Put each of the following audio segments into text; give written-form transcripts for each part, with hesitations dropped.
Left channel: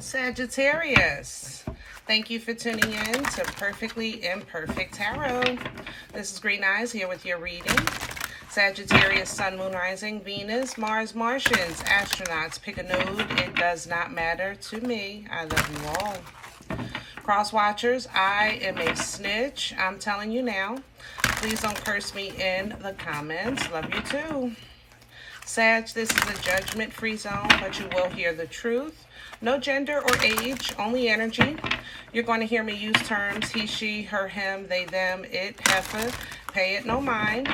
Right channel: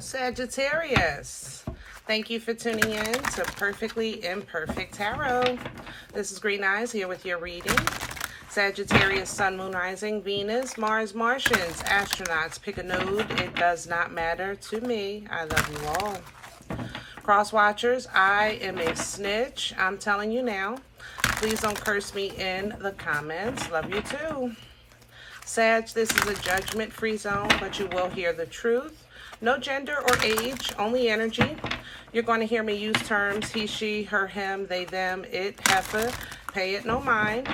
Sagittarius, thank you for tuning in to Perfectly Imperfect Tarot. This is Green Eyes here with your reading. Sagittarius, Sun, Moon, Rising, Venus, Mars, Martians, astronauts, pick a node. It does not matter to me. I love you all. Cross watchers, I am a snitch. I'm telling you now. Please don't curse me in the comments. Love you too. Sag, this is a judgment-free zone, but you will hear the truth. No gender or age, only energy. You're going to hear me use terms he, she, her, him, they, them, it, heifer. Pay it no mind.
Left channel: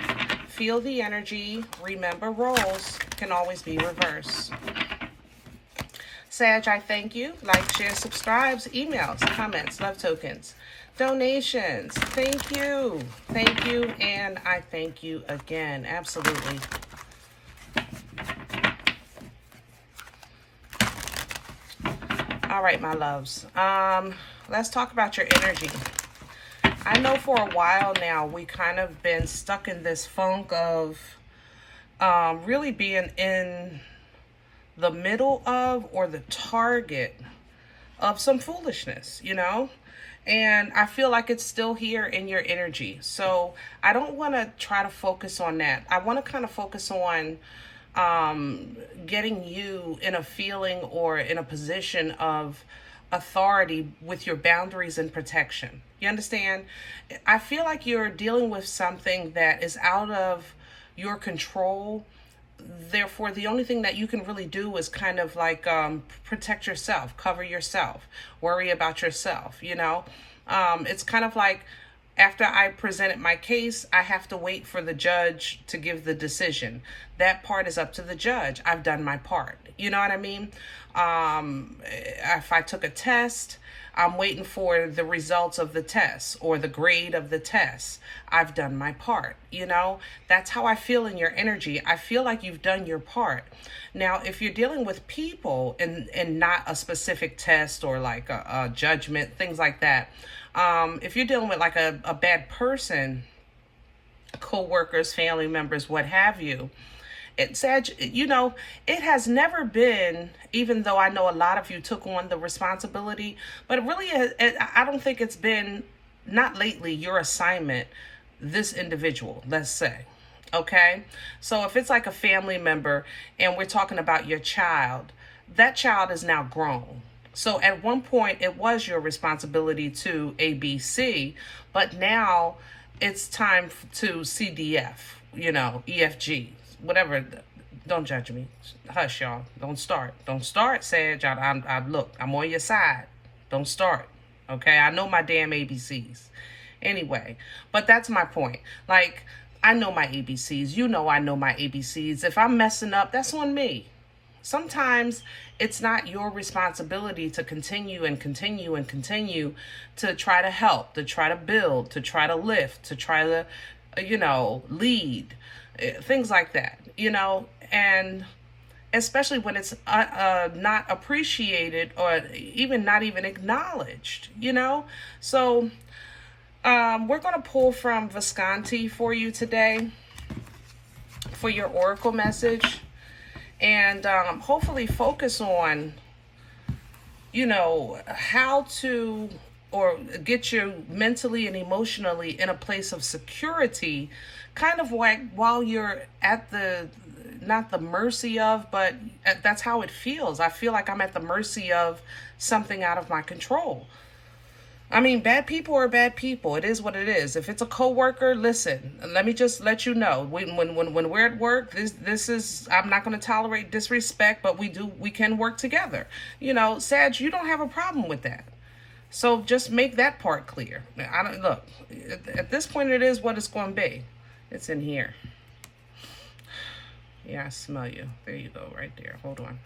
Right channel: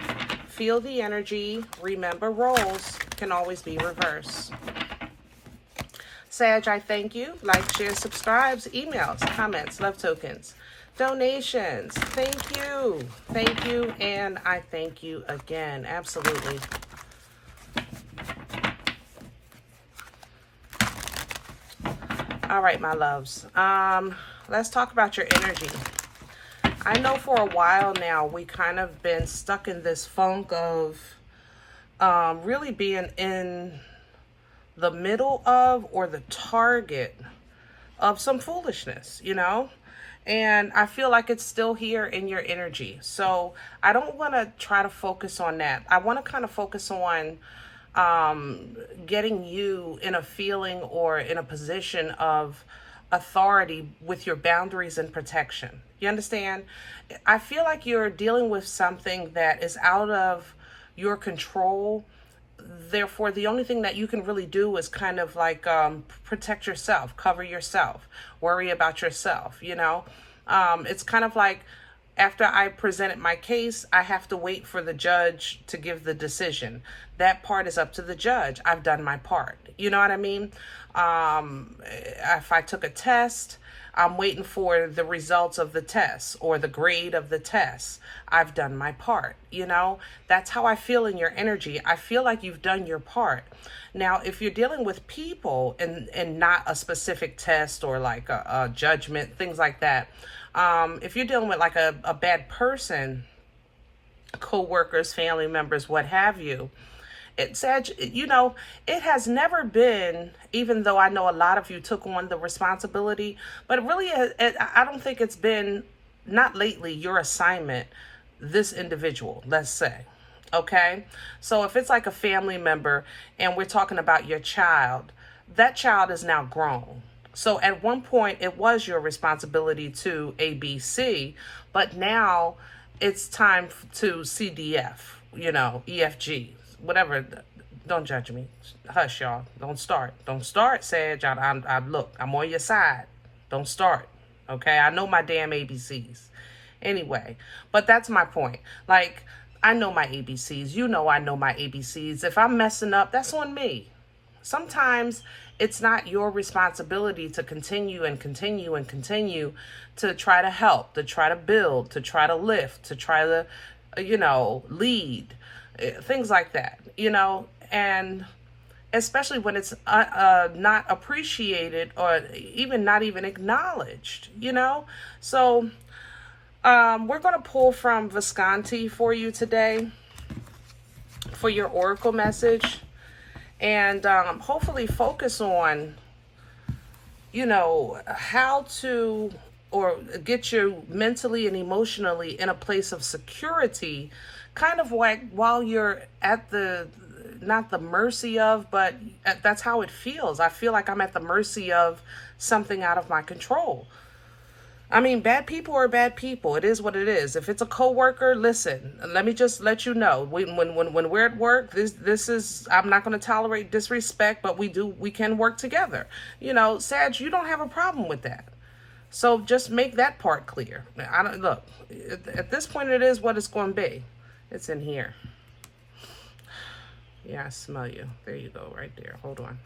Feel the energy. Remember, roles can always be reversed. Sag, I thank you. Like, share, subscribes, emails, comments, love tokens, donations. Thank you. Thank you, and I thank you again. Absolutely. All right, my loves. Let's talk about your energy. I know for a while now we kind of been stuck in this funk of really being in the middle of or the target of some foolishness, you know? And I feel like it's still here in your energy. So I don't want to try to focus on that. I want to kind of focus on getting you in a feeling or in a position of authority with your boundaries and protection. You understand? I feel like you're dealing with something that is out of your control. Therefore, the only thing that you can really do is kind of like protect yourself, cover yourself, worry about yourself, you know? It's kind of like after I presented my case, I have to wait for the judge to give the decision. That part is up to the judge. I've done my part. You know what I mean? If I took a test, I'm waiting for the results of the test or the grade of the test. I've done my part, you know? That's how I feel in your energy. I feel like you've done your part. Now, if you're dealing with people and not a specific test or like a judgment, things like that, if you're dealing with like a bad person, co-workers, family members, what have you, it said, you know, it has never been, even though I know a lot of you took on the responsibility, but it really, I don't think it's been, not lately, your assignment, this individual, let's say, okay? So if it's like a family member and we're talking about your child, that child is now grown. So at one point, it was your responsibility to ABC, but now it's time to CDF, you know, EFG, whatever. Don't judge me. Hush, y'all. Don't start. Don't start, Sag. Look, I'm on your side. Don't start, okay? I know my damn ABCs. Anyway, but that's my point. Like, I know my ABCs. You know I know my ABCs. If I'm messing up, that's on me. Sometimes it's not your responsibility to continue and continue and continue to try to help, to try to build, to try to lift, to try to, you know, lead, things like that, you know, and especially when it's not appreciated or even not even acknowledged, you know. So we're going to pull from Visconti for you today for your oracle message. And hopefully focus on, you know, how to, or get you mentally and emotionally in a place of security, kind of like while you're at the, not the mercy of, but that's how it feels. I feel like I'm at the mercy of something out of my control. I mean, bad people are bad people. It is what it is. If it's a coworker, listen, let me just let you know. When we're at work, this is, I'm not going to tolerate disrespect, but we can work together. You know, Sag, you don't have a problem with that. So just make that part clear. Look, at this point, it is what it's going to be. It's in here. Yeah, I smell you. There you go, right there. Hold on.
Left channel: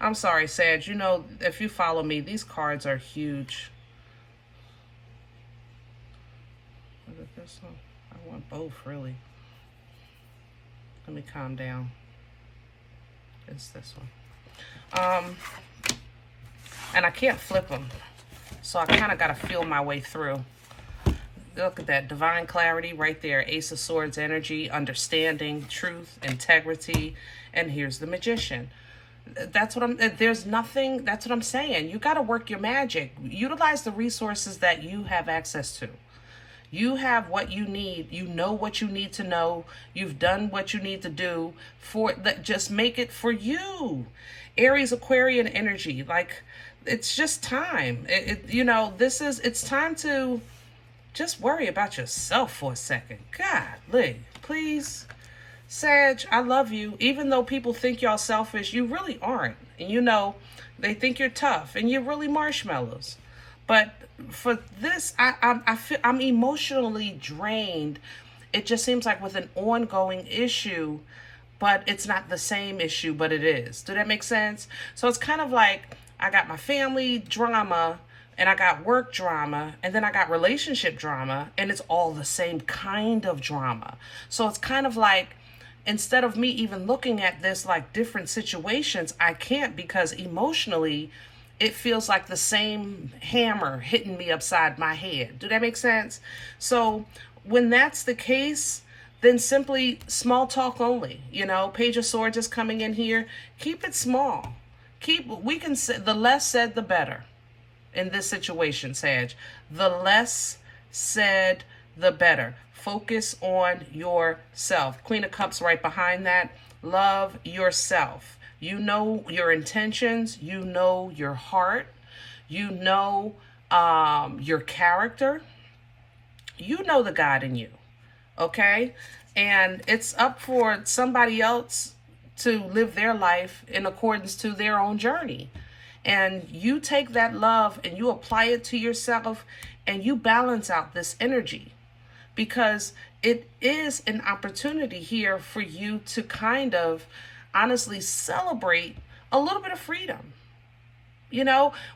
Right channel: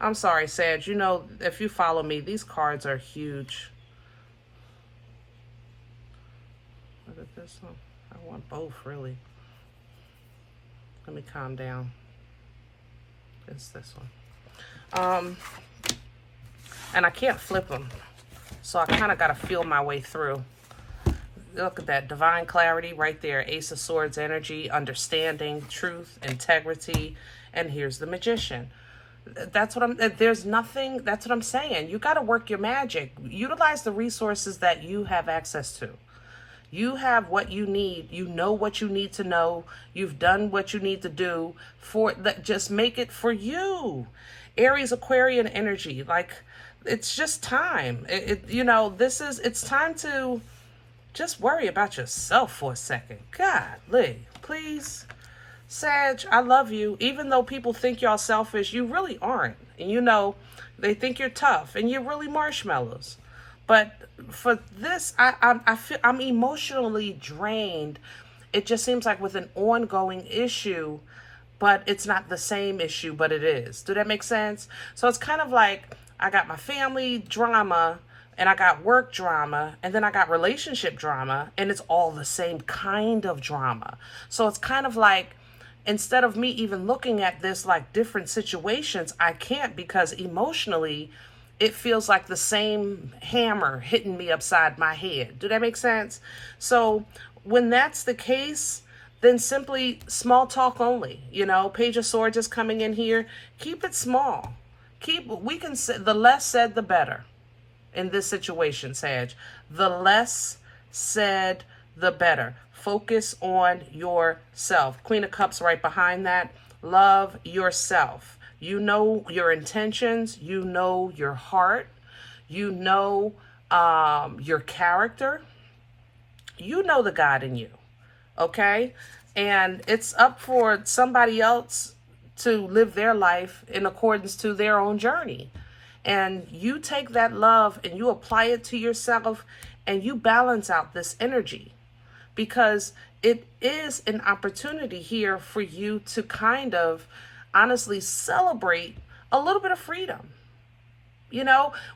I'm sorry, Sag. You know, if you follow me, these cards are huge. Look at this one. I want both, really. Let me calm down. It's this one. And I can't flip them, so I kind of got to feel my way through. Look at that divine clarity right there. Ace of Swords energy, understanding, truth, integrity, and here's the Magician. That's what there's nothing, that's what I'm saying. You got to work your magic. Utilize the resources that you have access to. You have what you need. You know what you need to know. You've done what you need to do for that. Just make it for you. Aries, Aquarian energy. Like, it's just time. It's time to just worry about yourself for a second. Golly, please. Sag, I love you. Even though people think y'all selfish, you really aren't. And they think you're tough and you're really marshmallows. But for this, I feel I'm emotionally drained. It just seems like with an ongoing issue, but it's not the same issue, but it is. Do that make sense? So it's kind of like I got my family drama and I got work drama and then I got relationship drama, and it's all the same kind of drama. So it's kind of like, instead of me even looking at this like different situations, I can't, because emotionally it feels like the same hammer hitting me upside my head. Do that make sense? So when that's the case, then simply small talk only. Page of Swords is coming in here. Keep it small. We can say the less said, the better in this situation, Sag. The less said, the better. Focus on yourself. Queen of Cups right behind that. Love yourself. You know your intentions. You know your heart. You know your character. You know the God in you. Okay? And it's up for somebody else to live their life in accordance to their own journey. And you take that love and you apply it to yourself and you balance out this energy, because it is an opportunity here for you to kind of honestly celebrate a little bit of freedom.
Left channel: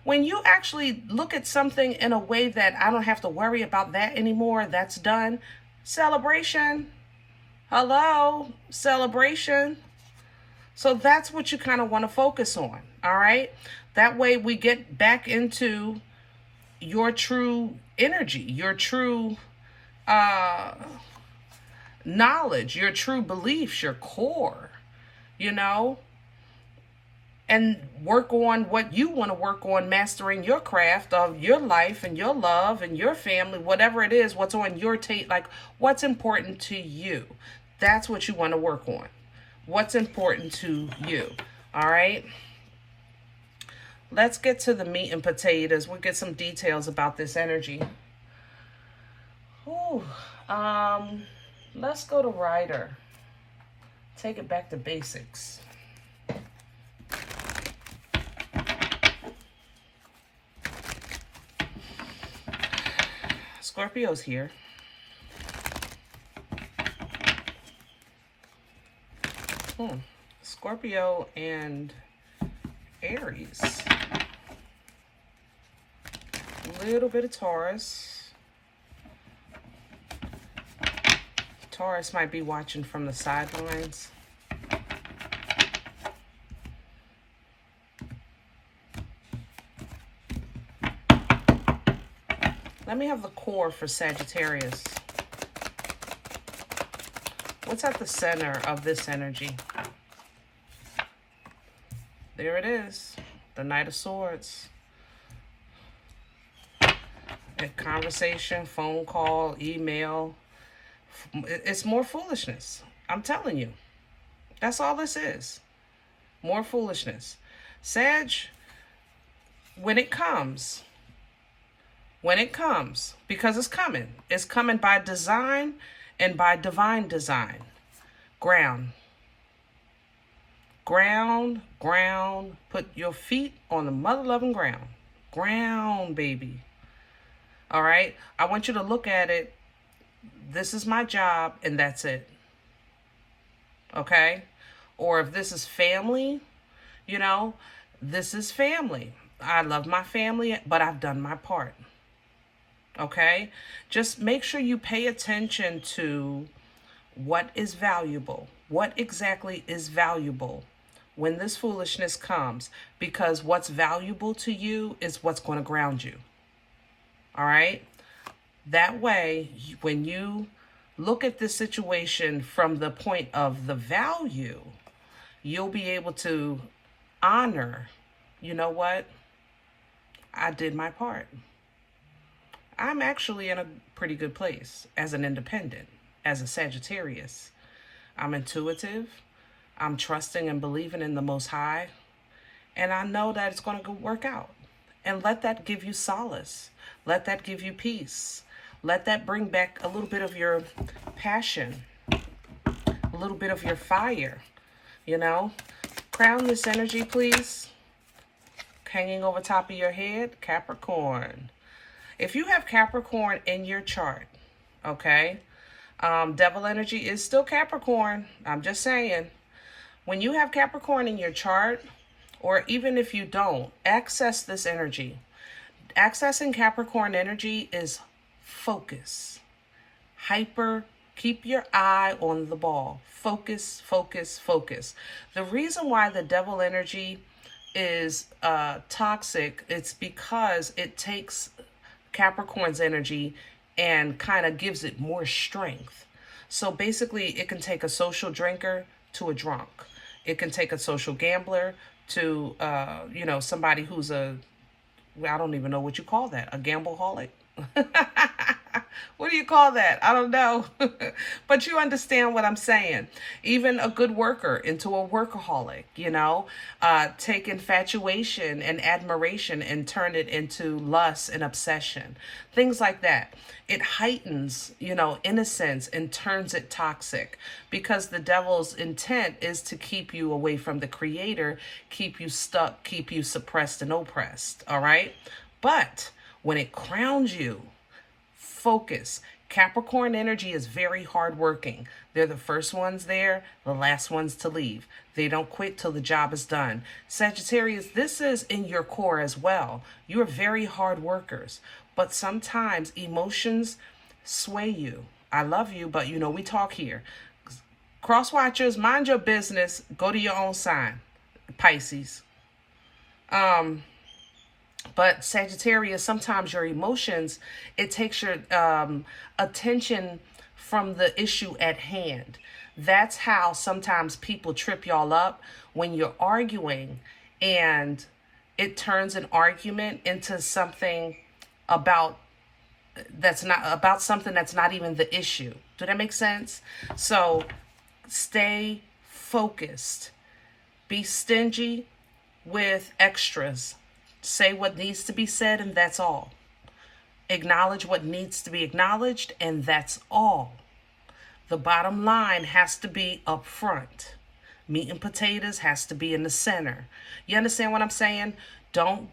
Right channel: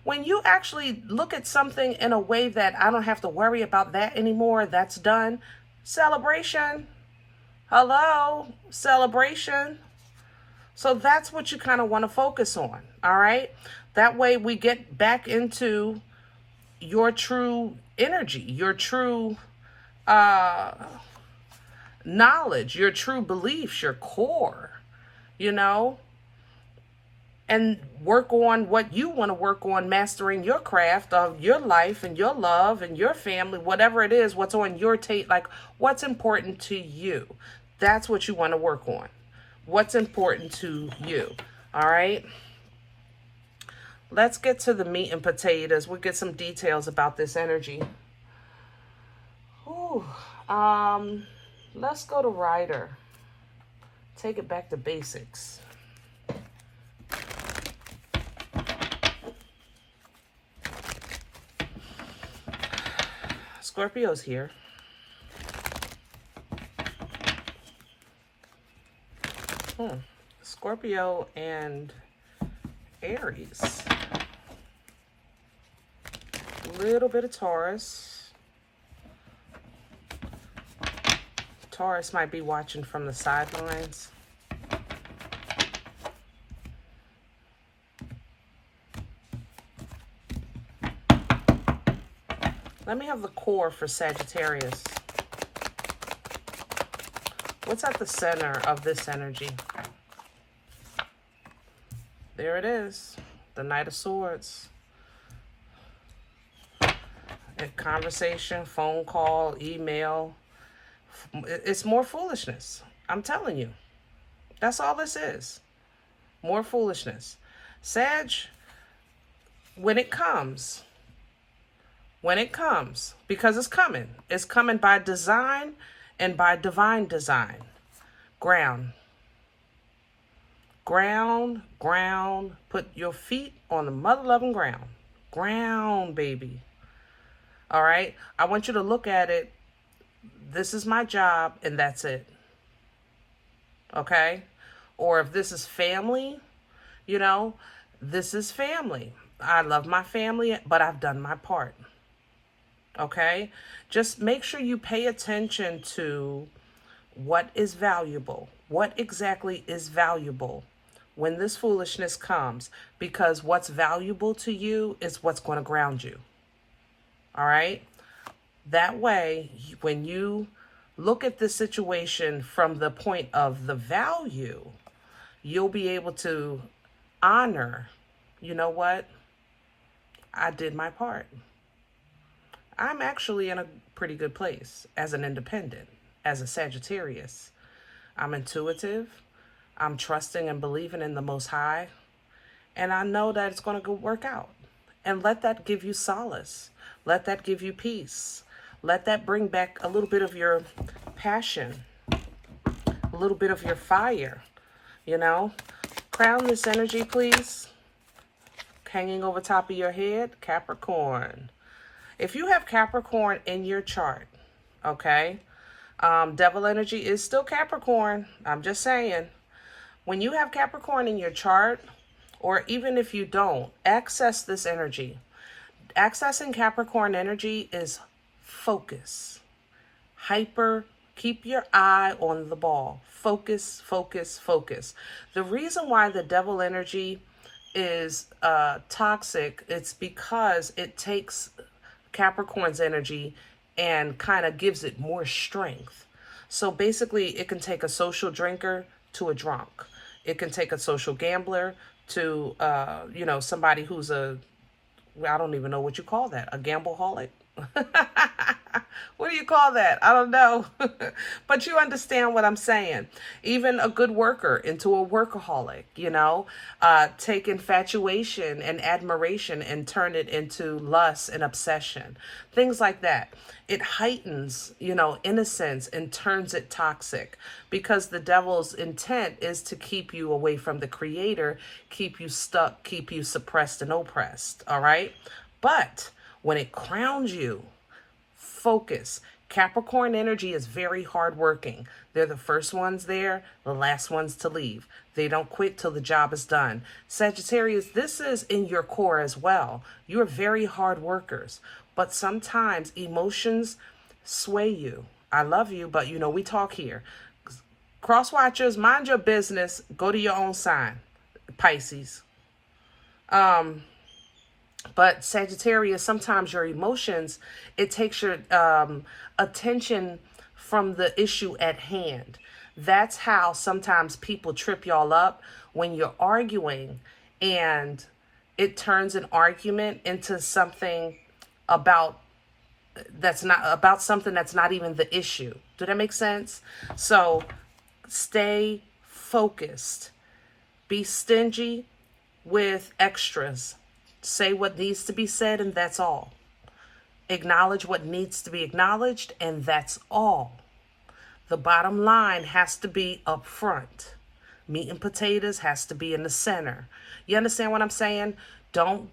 When you actually look at something in a way that I don't have to worry about that anymore, that's done. Celebration. Hello, celebration. So that's what you kind of want to focus on. All right. That way we get back into your true energy, your true knowledge, your true beliefs, your core, and work on what you want to work on, mastering your craft of your life and your love and your family, whatever it is, what's on your tape, like what's important to you. That's what you want to work on. What's important to you. All right. Let's get to the meat and potatoes. We'll get some details about this energy. Ooh, let's go to Rider. Take it back to basics. Scorpio's here. Scorpio and Aries. A little bit of Taurus. Taurus might be watching from the sidelines. Let me have the core for Sagittarius. What's at the center of this energy? There it is. The Knight of Swords. A conversation, phone call, email. It's more foolishness. I'm telling you. That's all this is. More foolishness. Sag, when it comes, because it's coming by design and by divine design. Ground, put your feet on the mother-loving ground. Ground, baby. All right? I want you to look at it. This is my job, and that's it. Okay? Or if this is family, this is family. I love my family, but I've done my part. Okay? Just make sure you pay attention to what is valuable. What exactly is valuable when this foolishness comes? Because what's valuable to you is what's going to ground you. All right? That way, when you look at this situation from the point of the value, you'll be able to honor, you know what? I did my part. I'm actually in a pretty good place as an independent, as a Sagittarius. I'm intuitive. I'm trusting and believing in the Most High. And I know that it's going to work out. And let that give you solace. Let that give you peace. Let that bring back a little bit of your passion, a little bit of your fire, you know. Crown this energy, please. Hanging over top of your head, Capricorn. If you have Capricorn in your chart, okay, devil energy is still Capricorn. I'm just saying. When you have Capricorn in your chart, or even if you don't, access this energy. Accessing Capricorn energy is focus. Hyper, keep your eye on the ball. Focus, focus, focus. The reason why the devil energy is toxic, it's because it takes Capricorn's energy and kind of gives it more strength. So basically, it can take a social drinker to a drunk. It can take a social gambler to, you know, somebody who's I don't even know what you call that, a gambleaholic. What do you call that? I don't know. But you understand what I'm saying. Even a good worker into a workaholic, you know, take infatuation and admiration and turn it into lust and obsession. Things like that. It heightens, you know, innocence and turns it toxic, because the devil's intent is to keep you away from the creator, keep you stuck, keep you suppressed and oppressed. All right. But when it crowns you, focus. Capricorn energy is very hardworking. They're the first ones there, the last ones to leave. They don't quit till the job is done. Sagittarius, this is in your core as well. You're very hard workers, but sometimes emotions sway you. I love you, but you know, we talk here. Cross watchers, mind your business. Go to your own sign, Pisces. But Sagittarius, sometimes your emotions, it takes your attention from the issue at hand. That's how sometimes people trip y'all up when you're arguing, and it turns an argument into something about something that's not even the issue. Do that make sense? So stay focused. Be stingy with extras. Say what needs to be said, and that's all. Acknowledge what needs to be acknowledged, and that's all. The bottom line has to be up front. Meat and potatoes has to be in the center. You understand what I'm saying? Don't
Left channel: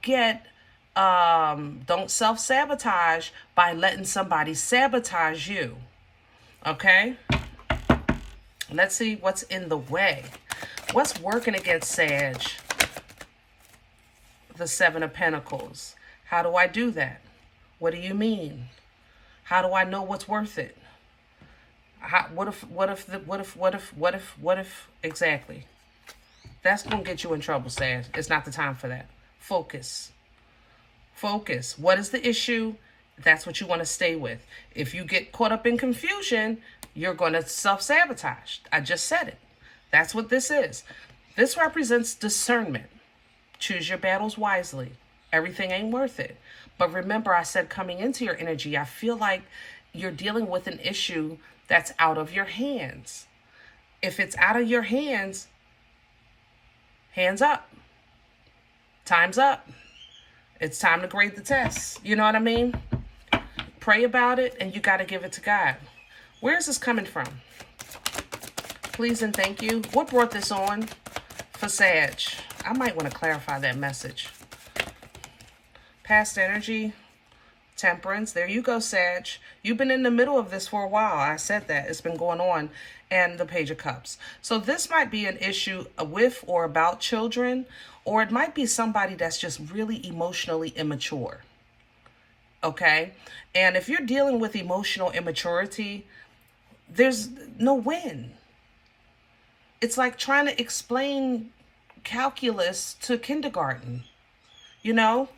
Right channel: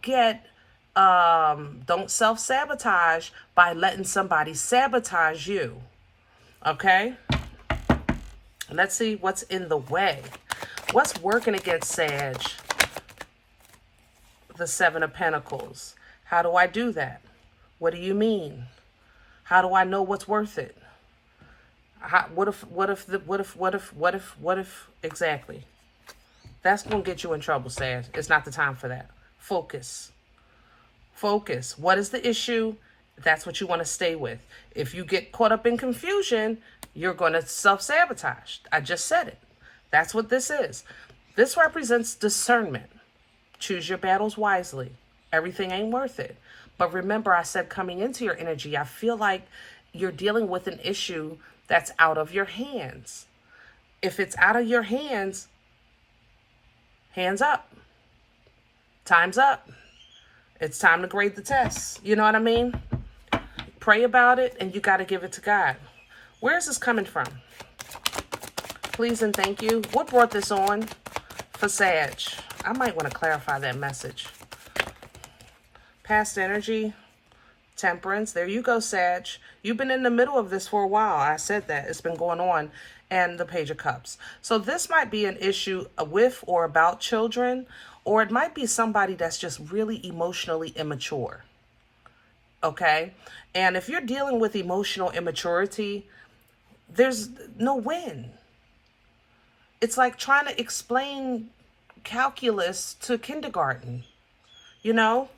self-sabotage by letting somebody sabotage you. Okay? Let's see what's in the way. What's working against Sag? The Seven of Pentacles. How do I do that? What do you mean? How do I know what's worth it? What if, exactly? That's going to get you in trouble, Sag. It's not the time for that. Focus. Focus. What is the issue? That's what you want to stay with. If you get caught up in confusion, you're going to self-sabotage. I just said it. That's what this is. This represents discernment. Choose your battles wisely. Everything ain't worth it. But remember, I said coming into your energy, I feel like you're dealing with an issue that's out of your hands. If it's out of your hands, hands up. Time's up. It's time to grade the test. You know what I mean? Pray about it, and you got to give it to God. Where is this coming from? Please and thank you. What brought this on for Sag? I might want to clarify that message. Past energy, temperance. There you go, Sag. You've been in the middle of this for a while. I said that. It's been going on. And the Page of Cups. So this might be an issue with or about children, or it might be somebody that's just really emotionally immature. Okay? And if you're dealing with emotional immaturity, there's no win. It's like trying to explain calculus to kindergarten, you know,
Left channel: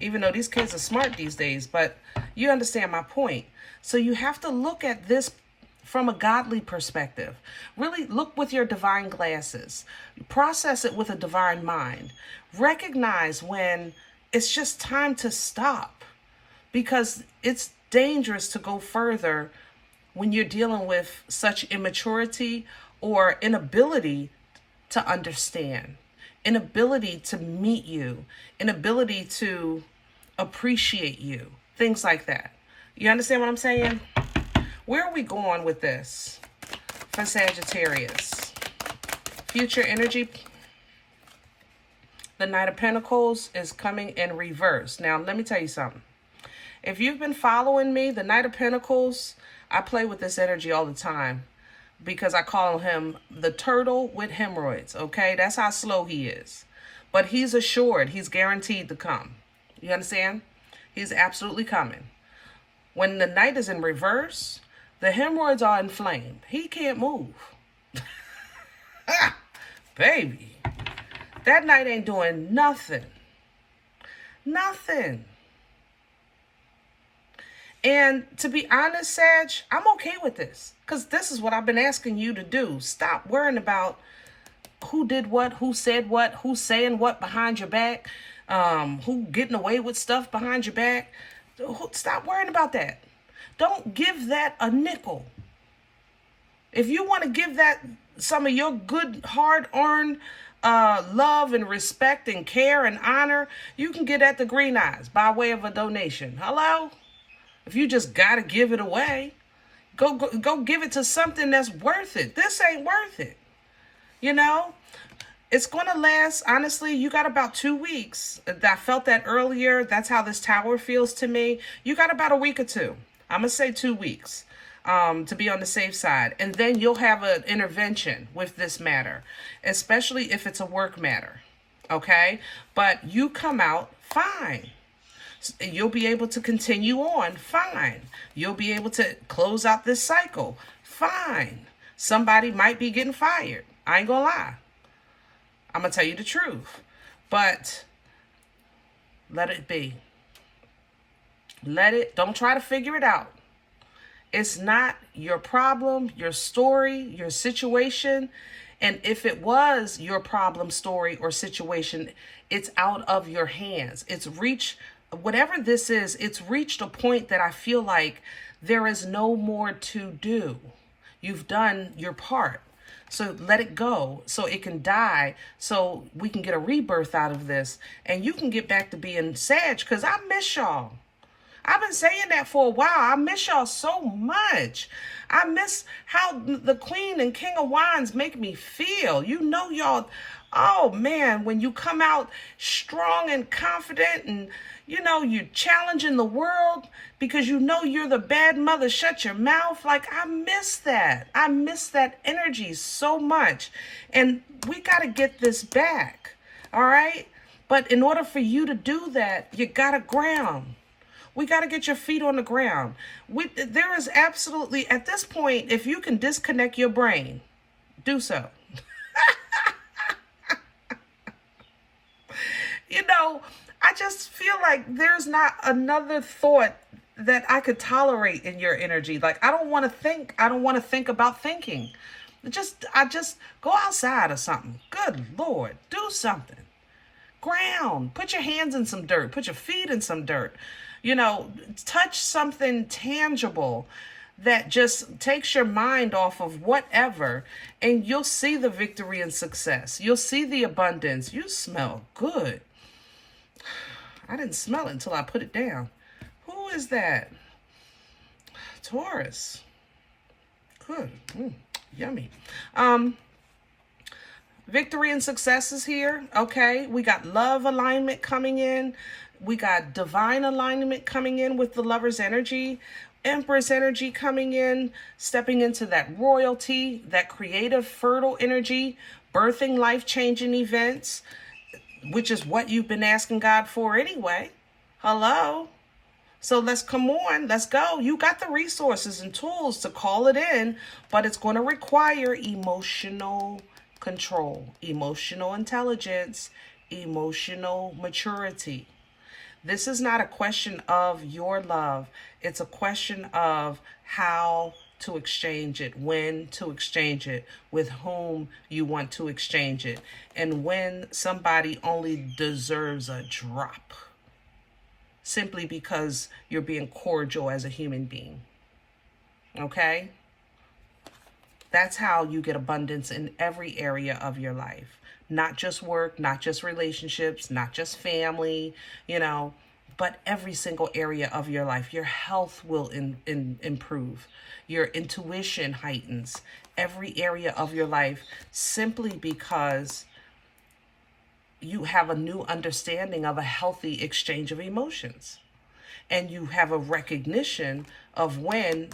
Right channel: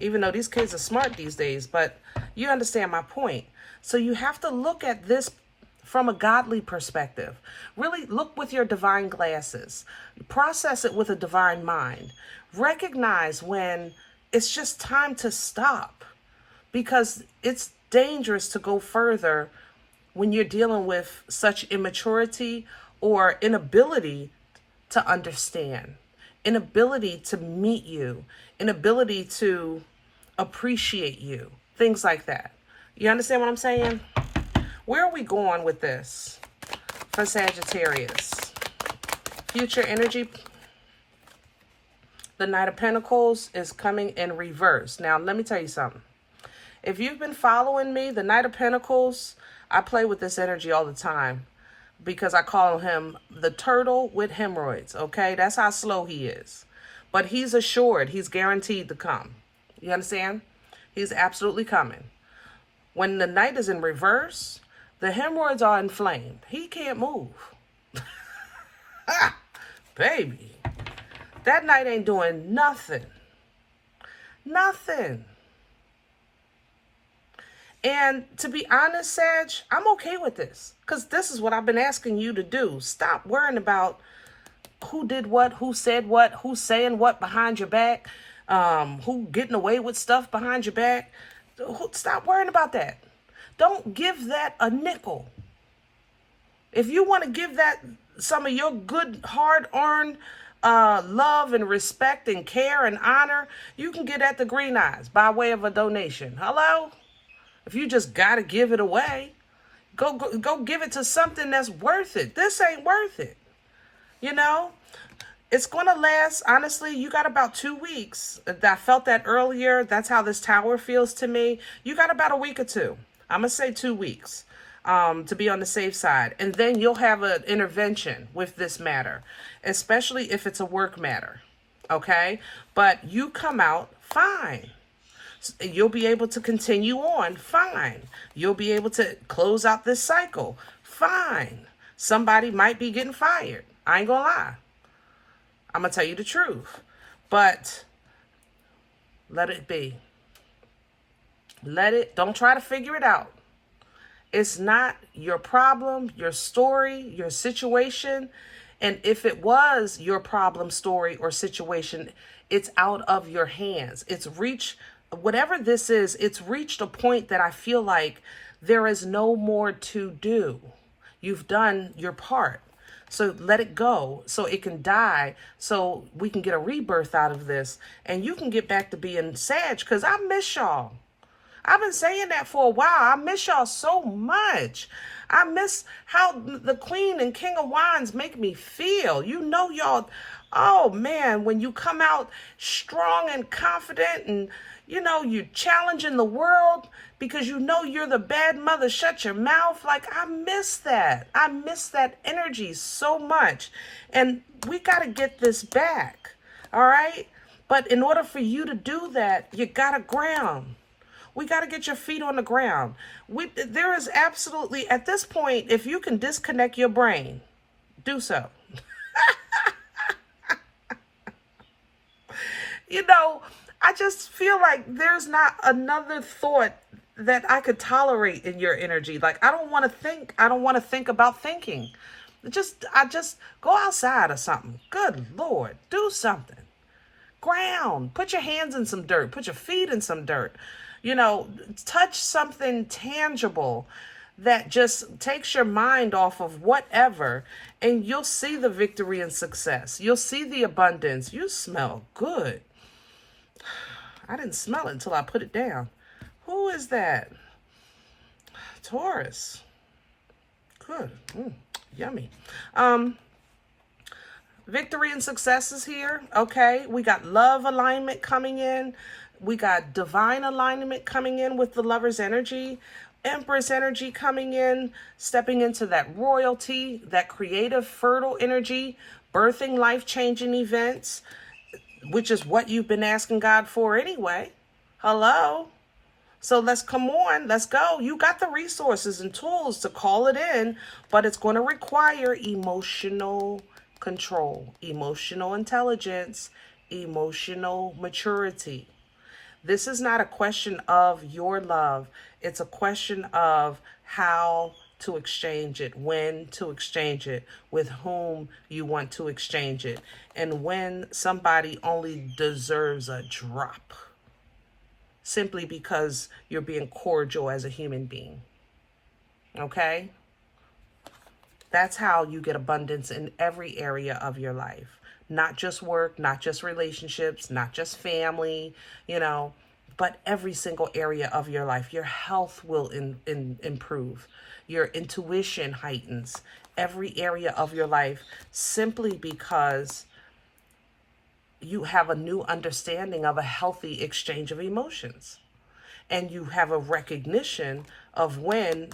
even though these kids are smart these days, but you understand my point. So you have to look at this from a godly perspective. Really look with your divine glasses. Process it with a divine mind. Recognize when it's just time to stop, because it's dangerous to go further when you're dealing with such immaturity or inability to understand, inability to meet you, inability to appreciate you, things like that. You understand what I'm saying? Where are we going with this for Sagittarius? Future energy. The Knight of Pentacles is coming in reverse. Now, let me tell you something. If you've been following me, the Knight of Pentacles, I play with this energy all the time because I call him the turtle with hemorrhoids, okay? That's how slow he is. But he's assured, he's guaranteed to come. You understand? He's absolutely coming. When the Knight is in reverse, the hemorrhoids are inflamed. He can't move. Baby. That Knight ain't doing nothing. Nothing. And to be honest, Sag, I'm okay with this. Because this is what I've been asking you to do. Stop worrying about who did what, who said what, who's saying what behind your back, who getting away with stuff behind your back. Stop worrying about that. Don't give that a nickel. If you want to give that some of your good, hard-earned love and respect and care and honor, you can get at the Green Eyes by way of a donation. Hello? If you just got to give it away, go give it to something that's worth it. This ain't worth it. You know? It's going to last, honestly, you got about 2 weeks. I felt that earlier. That's how this tower feels to me. You got about a week or two. I'm going to say 2 weeks to be on the safe side. And then you'll have an intervention with this matter, especially if it's a work matter. Okay? But you come out fine. You'll be able to continue on. Fine. You'll be able to close out this cycle. Fine. Somebody might be getting fired. I ain't gonna lie. I'm gonna tell you the truth. But let it be. Don't try to figure it out. It's not your problem, your story, your situation. And if it was your problem, story, or situation, it's out of your hands. It's reached, whatever this is, it's reached a point that I feel like there is no more to do. You've done your part. So let it go so it can die, so we can get a rebirth out of this. And you can get back to being Sag, because I miss y'all. I've been saying that for a while. I miss y'all so much. I miss how the Queen and King of Wands make me feel. You know, y'all, oh man, when you come out strong and confident and, you know, you're challenging the world because you know you're the bad mother, shut your mouth. Like, I miss that. I miss that energy so much. And we got to get this back, all right? But in order for you to do that, you got to ground. We got to get your feet on the ground. There is absolutely, at this point, if you can disconnect your brain, do so. You know, I just feel like there's not another thought that I could tolerate in your energy. Like, I don't want to think. I don't want to think about thinking. I just go outside or something. Good Lord, do something. Ground. Put your hands in some dirt. Put your feet in some dirt. You know, touch something tangible that just takes your mind off of whatever, and you'll see the victory and success. You'll see the abundance. You smell good. I didn't smell it until I put it down. Who is that? Taurus. Good. Yummy. Victory and success is here. Okay. We got love alignment coming in. We got divine alignment coming in with the Lover's energy. Empress energy coming in, stepping into that royalty, that creative, fertile energy, birthing life-changing events, which is what you've been asking God for anyway. Hello? So let's come on. Let's go. You got the resources and tools to call it in, but it's going to require emotional control, emotional intelligence, emotional maturity. This is not a question of your love. It's a question of how to exchange it, when to exchange it, with whom you want to exchange it, and when somebody only deserves a drop simply because you're being cordial as a human being. Okay? That's how you get abundance in every area of your life. Not just work, not just relationships, not just family, you know, but every single area of your life. Your health will improve. Your intuition heightens. Every area of your life, simply because you have a new understanding of a healthy exchange of emotions. And you have a recognition of when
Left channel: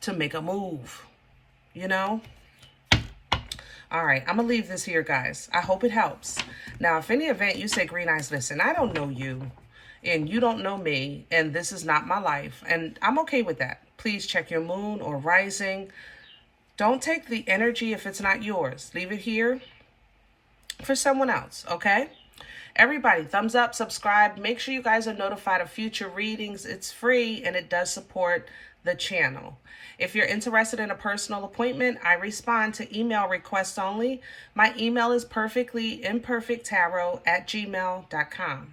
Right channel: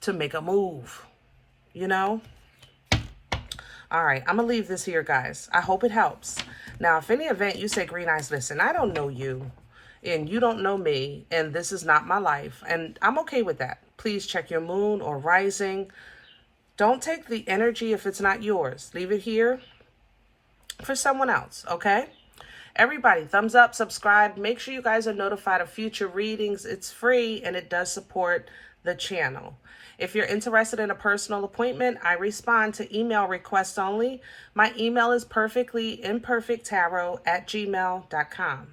to make a move, you know? All right, I'm going to leave this here, guys. I hope it helps. Now, if any event you say, Green Eyes, listen, I don't know you, and you don't know me, and this is not my life, and I'm okay with that. Please check your moon or rising. Don't take the energy if it's not yours. Leave it here for someone else, okay? Everybody, thumbs up, subscribe. Make sure you guys are notified of future readings. It's free, and it does support the channel. If you're interested in a personal appointment, I respond to email requests only. My email is perfectlyimperfecttarot@gmail.com.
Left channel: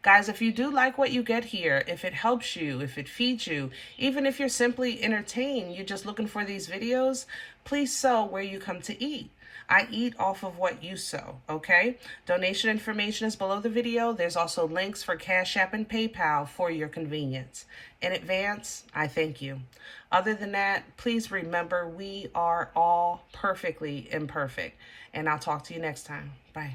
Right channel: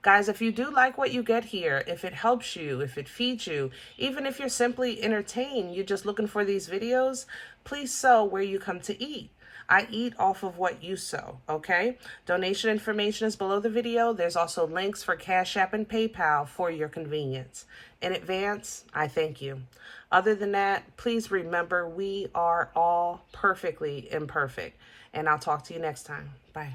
Guys, if you do like what you get here, if it helps you, if it feeds you, even if you're simply entertained, you're just looking for these videos, please sow where you come to eat. I eat off of what you sow, okay? Donation information is below the video. There's also links for Cash App and PayPal for your convenience. In advance, I thank you. Other than that, please remember we are all perfectly imperfect. And I'll talk to you next time. Bye.